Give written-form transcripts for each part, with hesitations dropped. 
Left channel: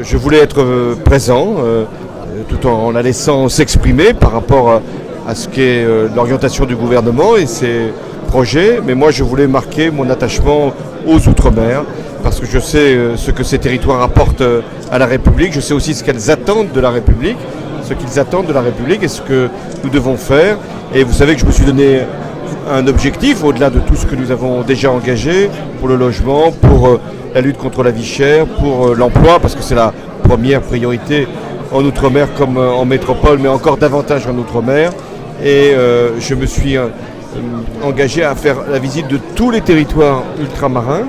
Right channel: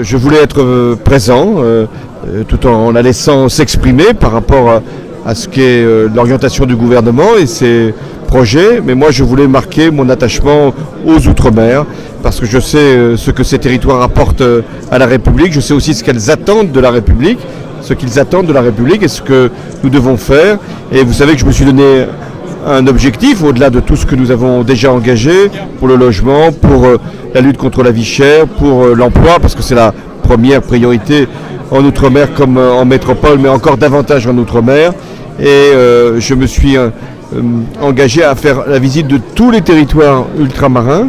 je voulais être présent tout en la laissant s'exprimer par rapport à ce qu'est l'orientation du gouvernement et ses projets. Mais moi, je voulais marquer mon attachement aux Outre-mer parce que je sais ce que ces territoires apportent à la République. Je sais aussi ce qu'elles attendent de la République, ce qu'ils attendent de la République et ce que nous devons faire. Et vous savez que je me suis donné un objectif au-delà de tout ce que nous avons déjà engagé pour le logement, pour la lutte contre la vie chère, pour l'emploi, parce que c'est la première priorité en Outre-mer comme en métropole, mais encore davantage en Outre-mer. Et je me suis engagé à faire la visite de tous les territoires ultramarins.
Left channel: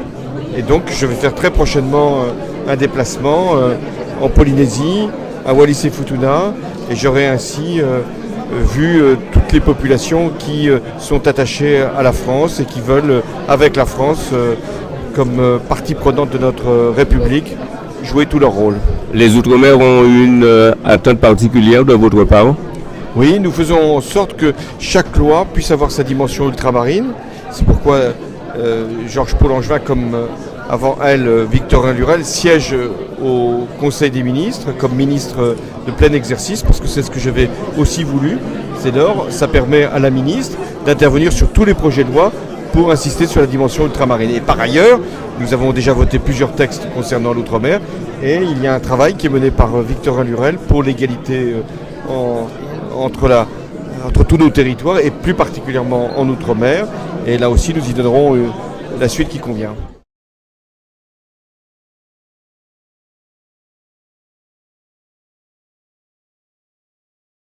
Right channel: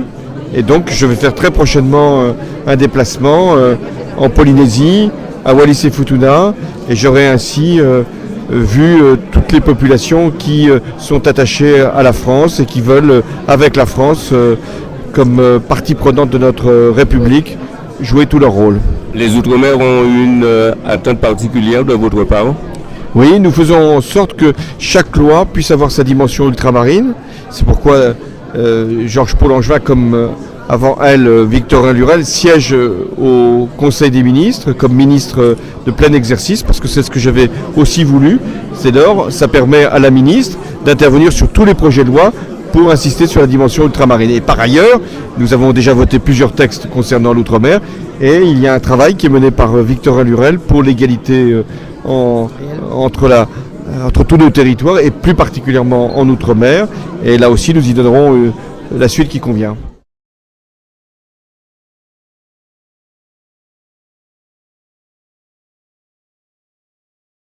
Et donc je vais faire très prochainement un déplacement en Polynésie, à Wallis et Futuna, et j'aurai ainsi vu toutes les populations qui sont attachées à la France et qui veulent, avec la France, comme partie prenante de notre République, jouer tout leur rôle. Les Outre-mer ont une attente particulière de votre part? Oui, nous faisons en sorte que chaque loi puisse avoir sa dimension ultramarine. C'est pourquoi Georges Paul Langevin, comme avant elle, Victorin Lurel, siège au Conseil des ministres comme ministre de plein exercice, parce que c'est ce que j'avais aussi voulu. C'est lors, ça permet à la ministre d'intervenir sur tous les projets de loi pour insister sur la dimension ultramarine. Et par ailleurs, nous avons déjà voté plusieurs textes concernant l'outre-mer, et il y a un travail qui est mené par Victorin Lurel pour l'égalité entre tous nos territoires, et plus particulièrement en outre-mer. Et là aussi, nous y donnerons la suite qui convient.